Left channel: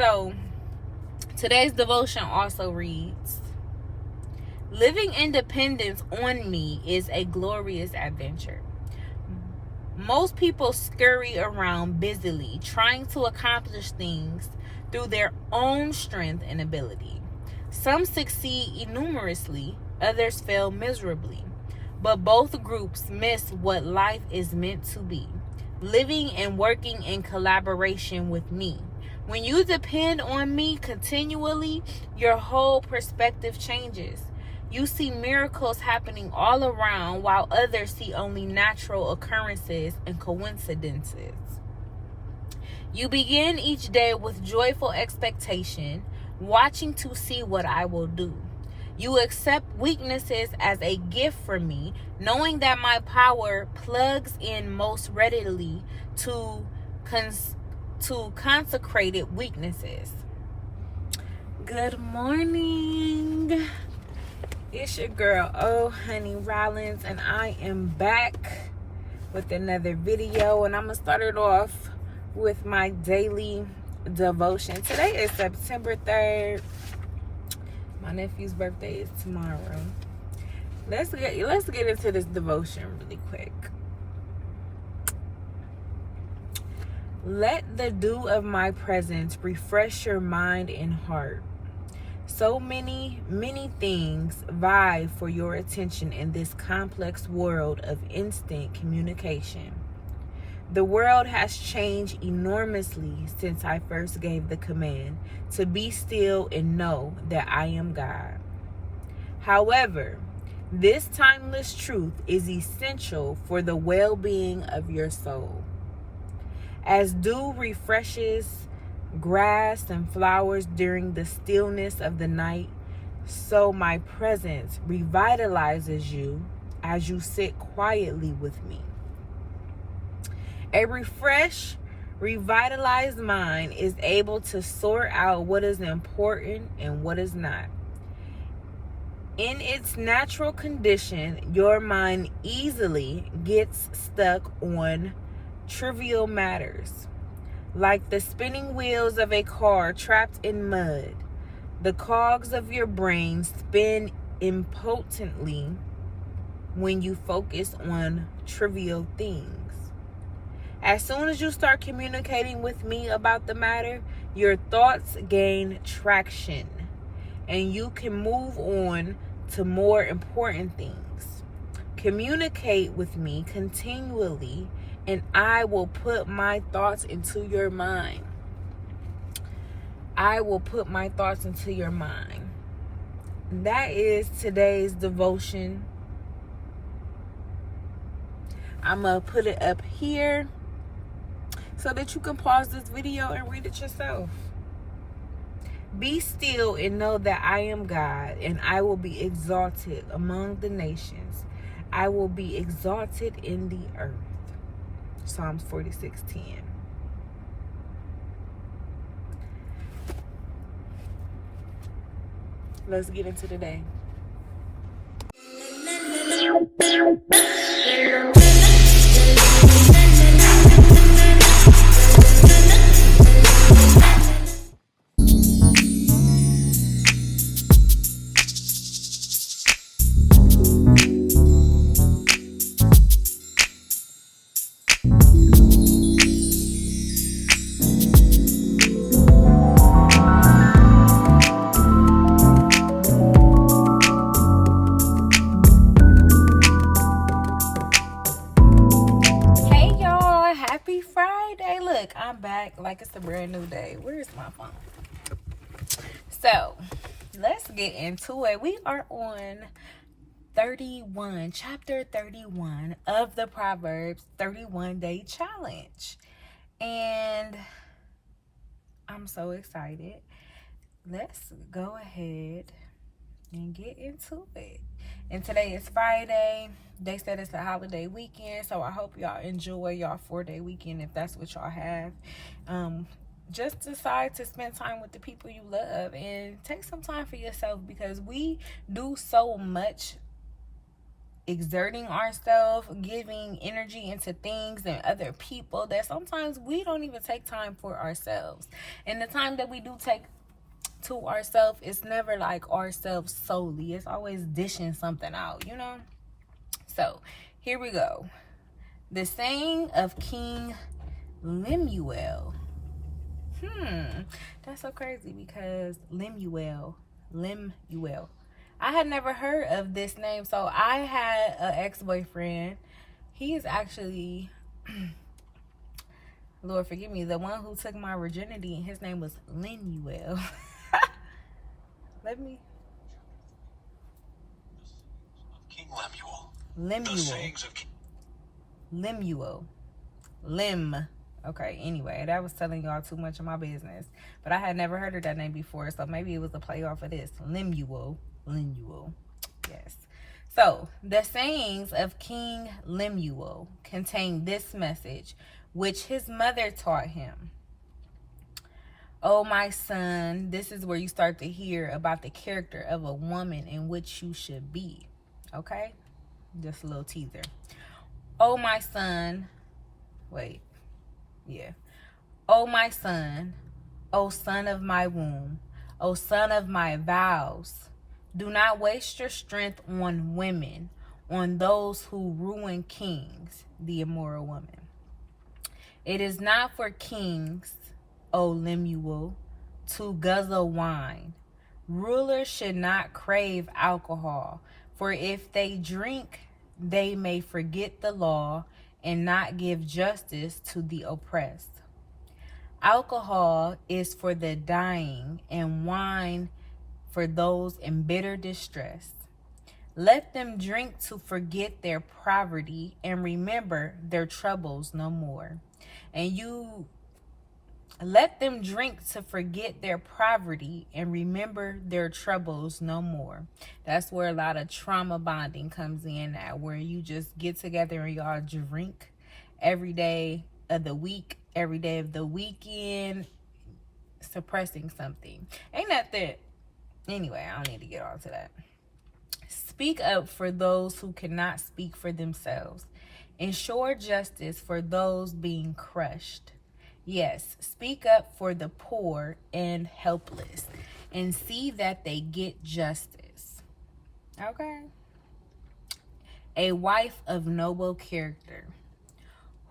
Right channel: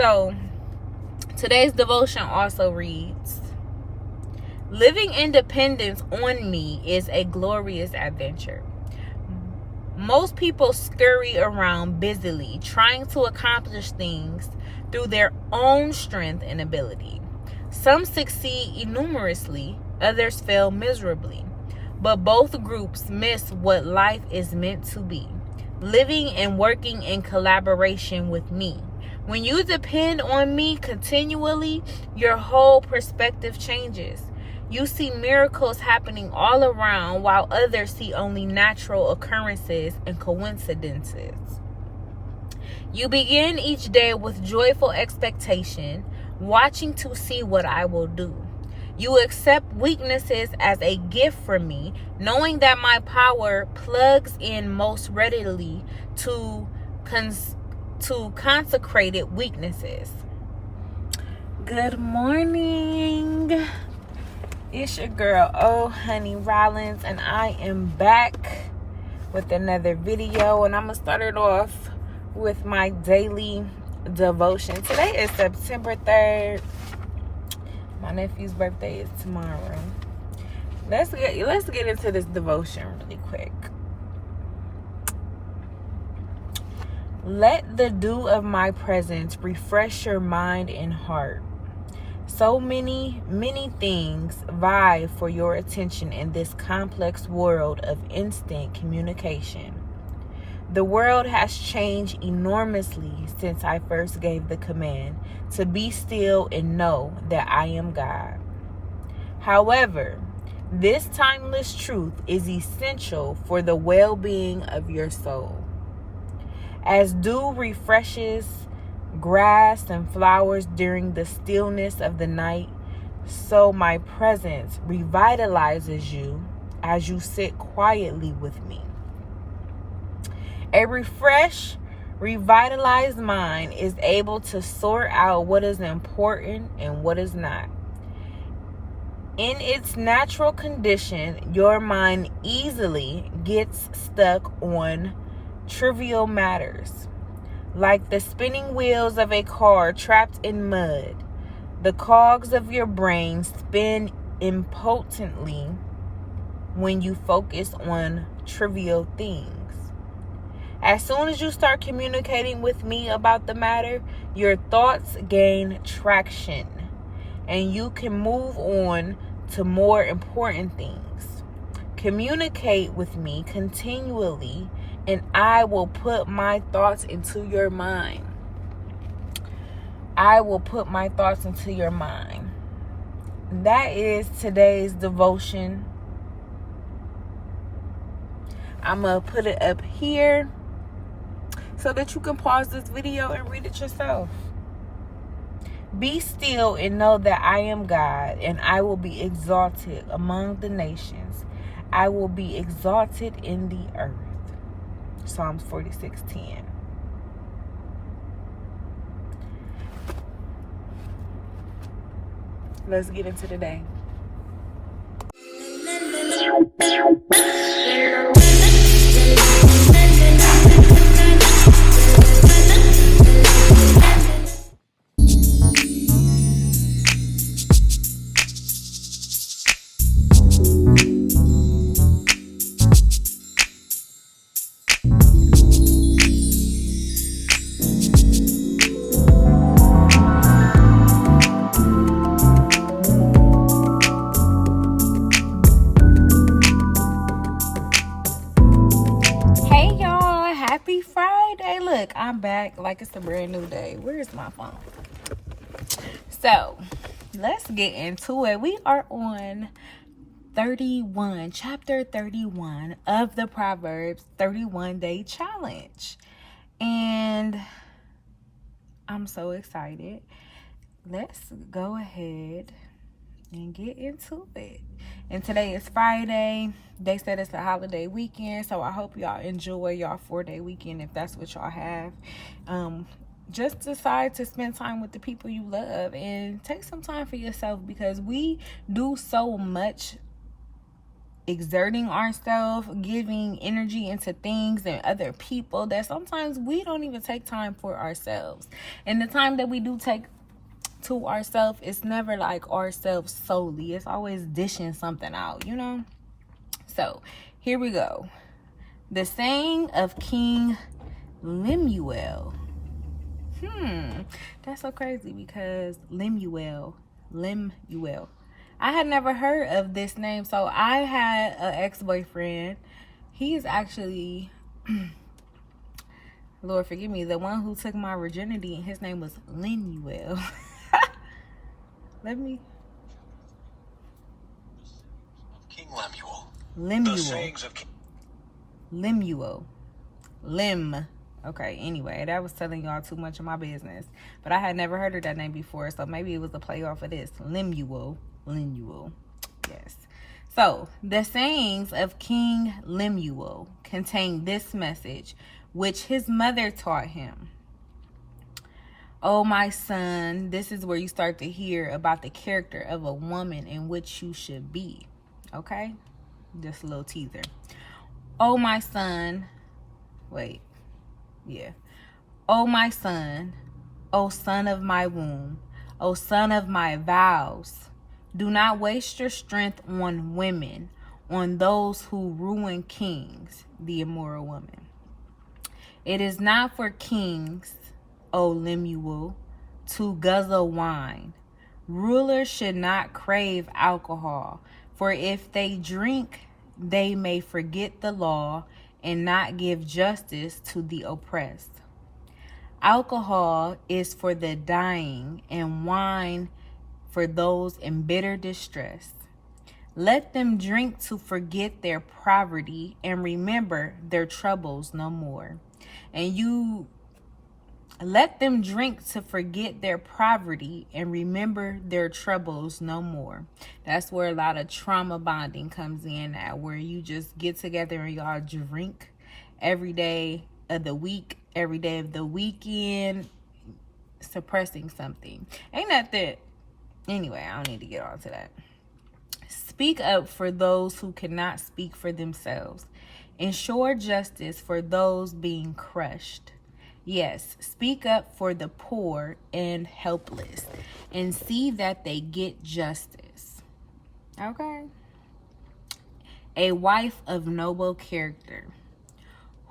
So today's devotion also reads, living independence on me is a glorious adventure. Most people scurry around busily, trying to accomplish things through their own strength and ability. Some succeed enormously, others fail miserably. But both groups miss what life is meant to be, living and working in collaboration with me. When you depend on me continually, your whole perspective changes. You see miracles happening all around, while others see only natural occurrences and coincidences. You begin each day with joyful expectation, watching to see what I will do. You accept weaknesses as a gift from me, knowing that my power plugs in most readily to consecrated weaknesses. Good morning. It's your girl, Honey Rollins, and I am back with another video, and I'm going to start it off with my daily devotion. Today is September 3rd. My nephew's birthday is tomorrow. Let's get into this devotion really quick. Let the dew of my presence refresh your mind and heart. So many things vie for your attention in this complex world of instant communication. The world has changed enormously since I first gave the command to be still and know that I am God. However, this timeless truth is essential for the well-being of your soul. As dew refreshes grass and flowers during the stillness of the night, so my presence revitalizes you as you sit quietly with me. A refreshed, revitalized mind is able to sort out what is important and what is not. In its natural condition, your mind easily gets stuck on trivial matters. Like the spinning wheels of a car trapped in mud, the cogs of your brain spin impotently when you focus on trivial things. As soon as you start communicating with me about the matter, your thoughts gain traction and you can move on to more important things. Communicate with me continually and I will put my thoughts into your mind. I will put my thoughts into your mind. That is today's devotion. I'm going to put it up here so that you can pause this video and read it yourself. Be still and know that I am God, and I will be exalted among the nations. I will be exalted in the earth. Psalms 46:10. Let's get into the day. Happy Friday. Look, I'm back like it's a brand new day. Where's my phone? So, let's get into it. We are on chapter 31 of the Proverbs 31-day challenge. And I'm so excited. Let's go ahead and get into it. And today is Friday. They said it's a holiday weekend, so I hope y'all enjoy y'all 4-day weekend if that's what y'all have. Just decide to spend time with the people you love and take some time for yourself, because we do so much exerting ourselves, giving energy into things and other people that sometimes we don't even take time for ourselves. And the time that we do take to ourselves, it's never like ourselves solely. It's always dishing something out, you know? So here we go. The saying of King Lemuel. That's so crazy because Lemuel. I had never heard of this name. So I had an ex-boyfriend. He is actually, Lord forgive me, the one who took my virginity, and his name was Lemuel. King Lemuel. Lemuel. The sayings of King Lemuel. Okay, anyway, that was telling y'all too much of my business. But I had never heard of that name before, so maybe it was a play off of this. Lemuel. Yes. So, the sayings of King Lemuel contain this message, which his mother taught him. Oh, my son, this is where you start to hear about the character of a woman in which you should be. Okay? Just a little teaser. Oh, my son. Oh, my son, O son of my womb, O son of my vows, do not waste your strength on women, on those who ruin kings, the immoral woman. It is not for kings, O Lemuel, to guzzle wine. Rulers should not crave alcohol, for if they drink, they may forget the law and not give justice to the oppressed. Alcohol is for the dying, and wine for those in bitter distress. Let them drink to forget their poverty and remember their troubles no more. Let them drink to forget their poverty and remember their troubles no more. That's where a lot of trauma bonding comes in at, where you just get together and y'all drink every day of the week, every day of the weekend, suppressing something. Ain't that that? Anyway, I don't need to get on to that. Speak up for those who cannot speak for themselves. Ensure justice for those being crushed. Yes, speak up for the poor and helpless and see that they get justice. Okay. A wife of noble character.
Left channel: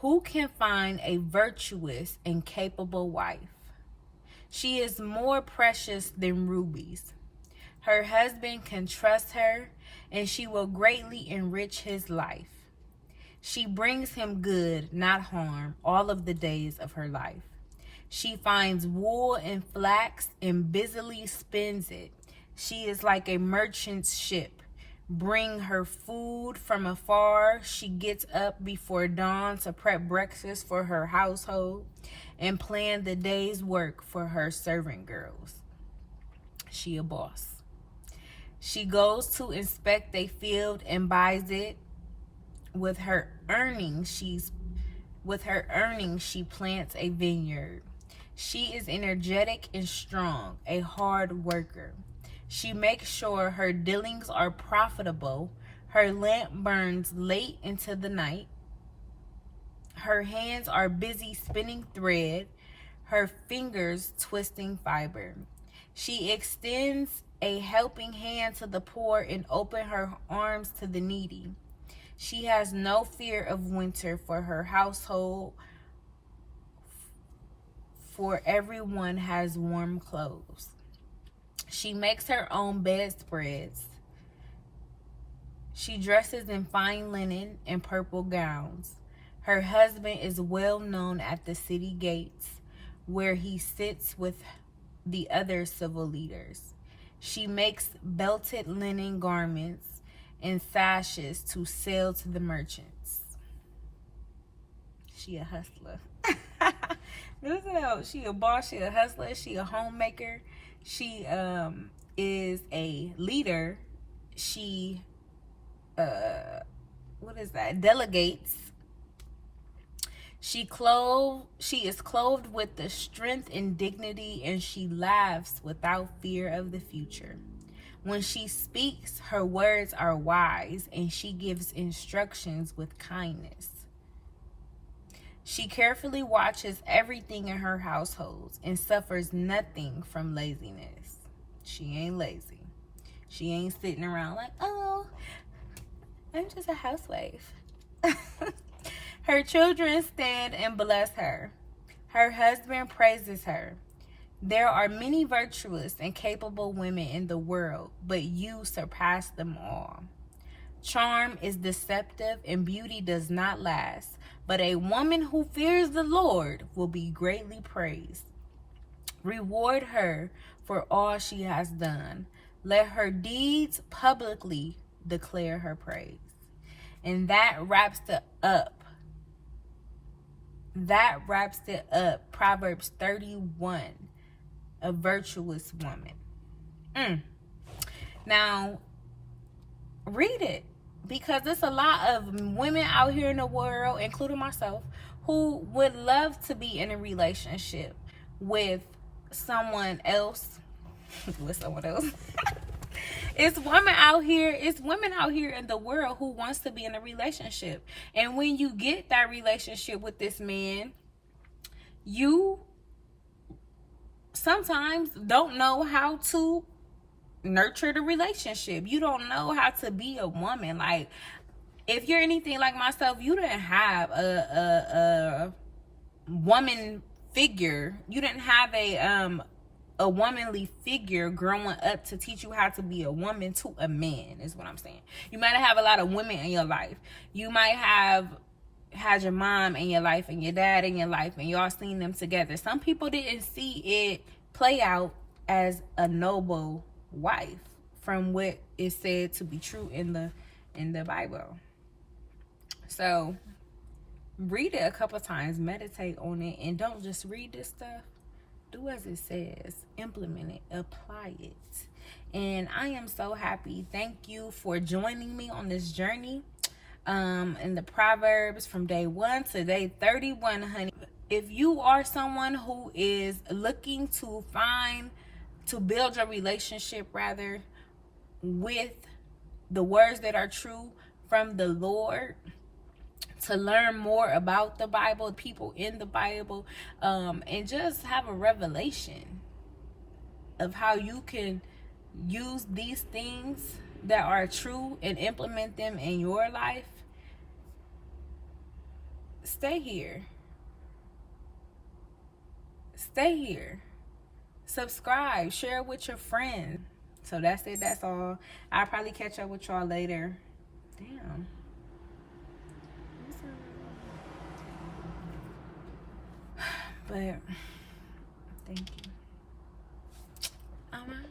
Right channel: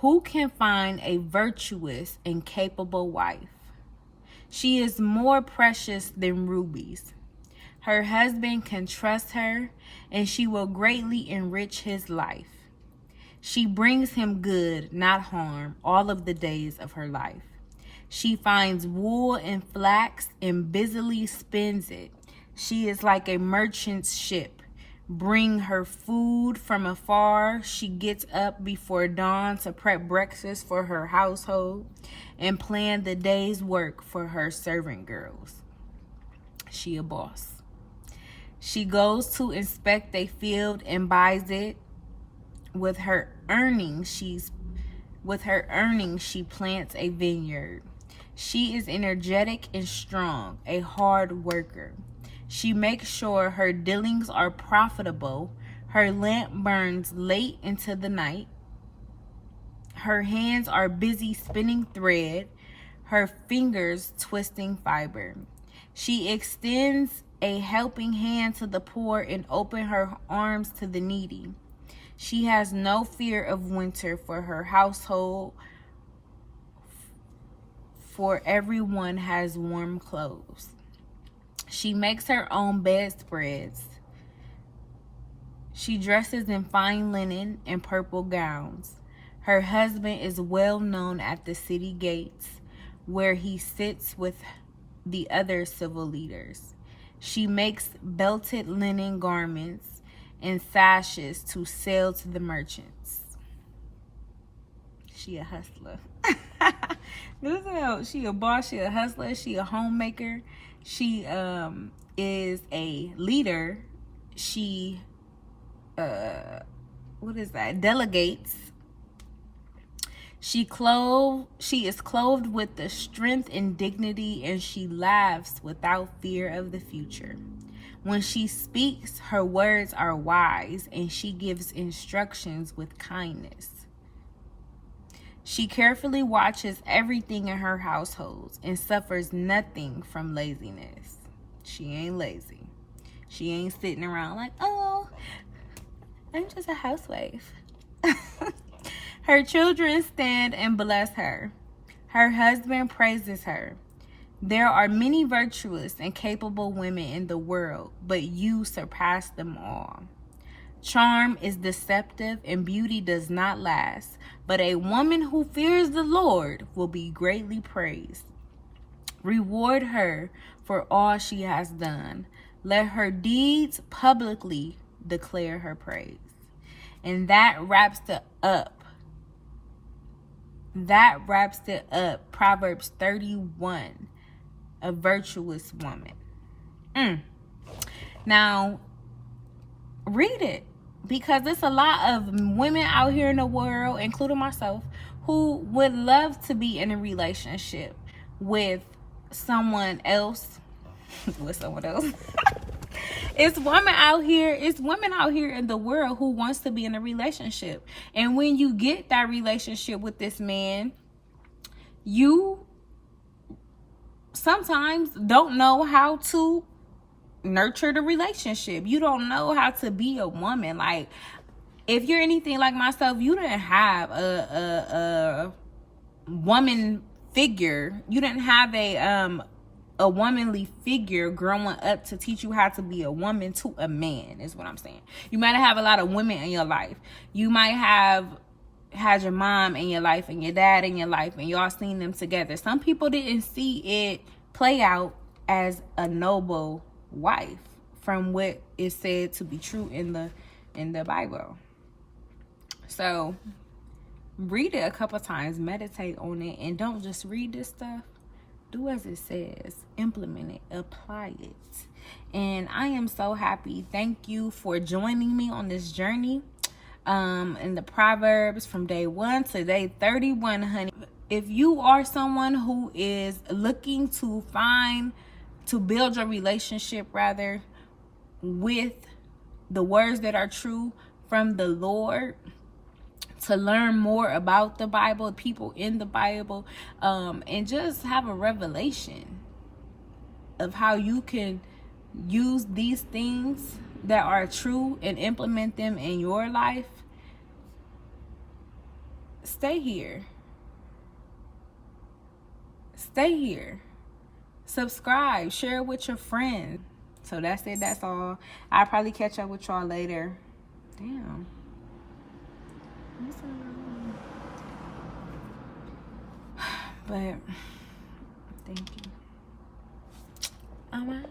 Who can find a virtuous and capable wife? She is more precious than rubies. Her husband can trust her, and she will greatly enrich his life. She brings him good, not harm, all of the days of her life. She finds wool and flax and busily spins it. She is like a merchant's ship. Bring her food from afar. She gets up before dawn to prep breakfast for her household and plan the day's work for her servant girls. She a boss. She goes to inspect a field and buys it. With her earnings, she plants a vineyard. She is energetic and strong, a hard worker. She makes sure her dealings are profitable. Her lamp burns late into the night. Her hands are busy spinning thread, her fingers twisting fiber. She extends a helping hand to the poor and opens her arms to the needy. She has no fear of winter for her household, for everyone has warm clothes. She makes her own bedspreads. She dresses in fine linen and purple gowns. Her husband is well known at the city gates, where he sits with the other civil leaders. She makes belted linen garments and sashes to sell to the merchants. She a hustler. She a boss, she a hustler, she a homemaker. She is a leader. She delegates. She is clothed with the strength and dignity, and she laughs without fear of the future. When she speaks, her words are wise, and she gives instructions with kindness. She carefully watches everything in her household and suffers nothing from laziness. She ain't lazy. She ain't sitting around like, oh, I'm just a housewife. Her children stand and bless her. Her husband praises her. There are many virtuous and capable women in the world, but you surpass them all. Charm is deceptive and beauty does not last, but a woman who fears the Lord will be greatly praised. Reward her for all she has done. Let her deeds publicly declare her praise. And that wraps it up. Proverbs 31, a virtuous woman. Now, read it, because there's a lot of women out here in the world, including myself, who would love to be in a relationship with someone else. It's women out here in the world who wants to be in a relationship. And when you get that relationship with this man, you sometimes don't know how to nurture the relationship. You don't know how to be a woman. Like, if you're anything like myself, you didn't have a woman figure. You didn't have a womanly figure growing up to teach you how to be a woman to a man, is what I'm saying. You might have a lot of women in your life. You might have had your mom in your life and your dad in your life, and y'all seen them together. Some people didn't see it play out as a noble wife from what is said to be true in the Bible. So read it a couple times, meditate on it, and don't just read this stuff. Do as it says, implement it, apply it. And I am so happy. Thank you for joining me on this journey in the Proverbs from day 1 to day 31, honey. If you are someone who is looking to build your relationship rather with the words that are true from the Lord, to learn more about the Bible, people in the Bible, and just have a revelation of how you can use these things that are true and implement them in your life, stay here. Subscribe, share it with your friends. So that's it. That's all. I'll probably catch up with y'all later. Damn. But thank you. I'm out.